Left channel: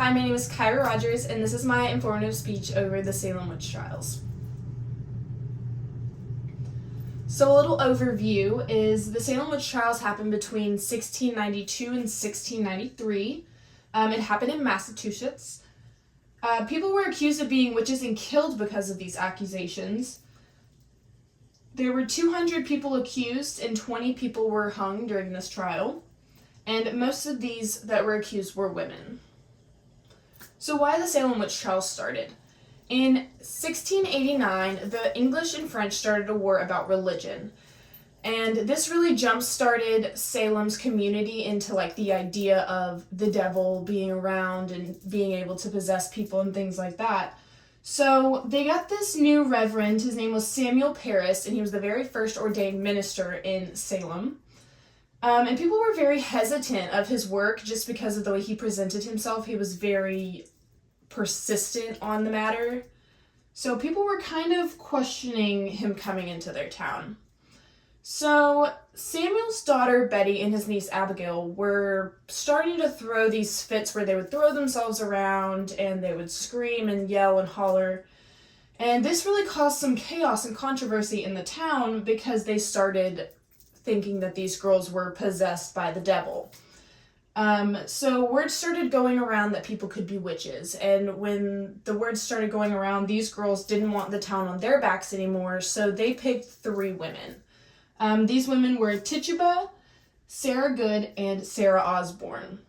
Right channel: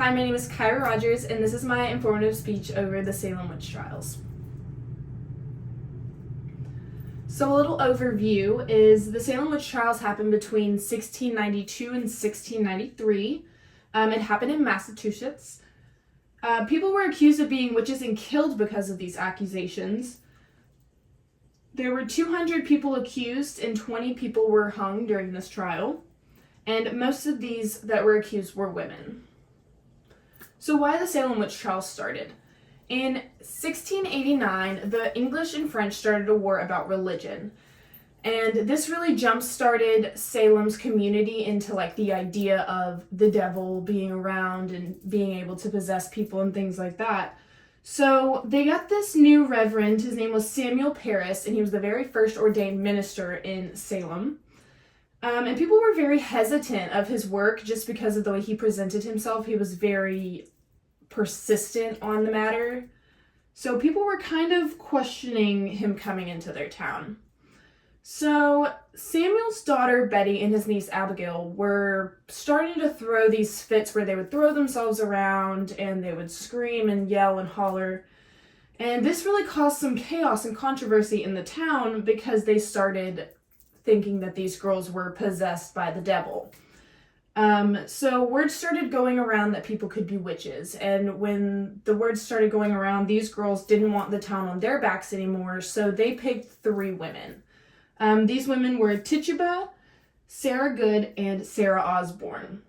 Hi, my name is Kyra Rogers, and this is my informative speech over the Salem witch trials. So a little overview is the Salem witch trials happened between 1692 and 1693. It happened in Massachusetts. People were accused of being witches and killed because of these accusations. There were 200 people accused and 20 people were hung during this trial. And most of these that were accused were women. So why the Salem witch trials started? In 1689, the English and French started a war about religion. And this really jump-started Salem's community into the idea of the devil being around and being able to possess people and things like that. So they got this new reverend, his name was Samuel Parris, and he was the very first ordained minister in Salem. And people were very hesitant of his work just because of the way he presented himself. He was very persistent on the matter. So people were kind of questioning him coming into their town. So Samuel's daughter Betty and his niece Abigail were starting to throw these fits where they would throw themselves around and they would scream and yell and holler. And this really caused some chaos and controversy in the town because they started thinking that these girls were possessed by the devil. So word started going around that people could be witches, and when the word started going around, these girls didn't want the town on their backs anymore, so they picked 3 women. These women were Tituba, Sarah Good, and Sarah Osborne.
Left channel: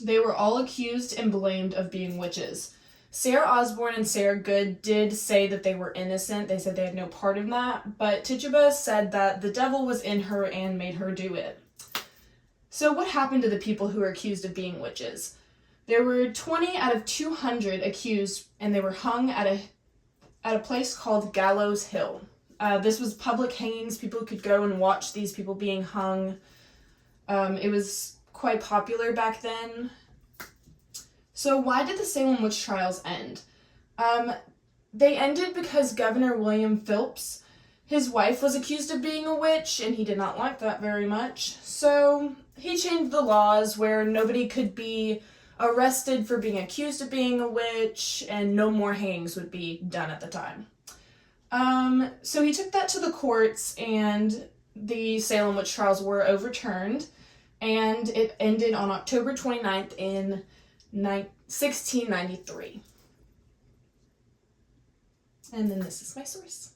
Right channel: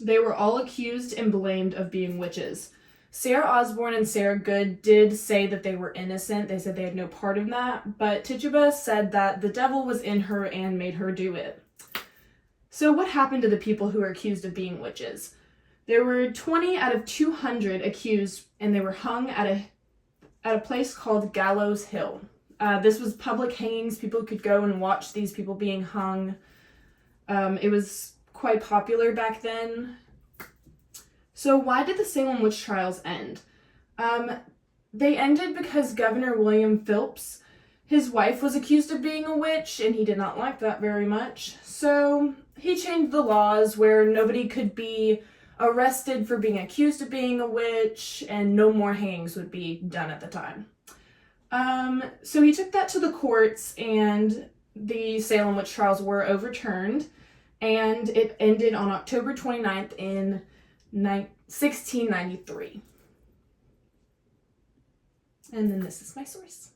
They were all accused and blamed of being witches. Sarah Osborne and Sarah Good did say that they were innocent. They said they had no part in that, but Tituba said that the devil was in her and made her do it. So what happened to the people who were accused of being witches? There were 20 out of 200 accused, and they were hung at a place called Gallows Hill. This was public hangings. People could go and watch these people being hung. It was quite popular back then. So why did the Salem witch trials end? They ended because Governor William Phillips, his wife was accused of being a witch, and he did not like that very much. So he changed the laws where nobody could be arrested for being accused of being a witch, and no more hangings would be done at the time. So he took that to the courts, and the Salem witch trials were overturned, and it ended on October 29th in 1693. And then this is my source.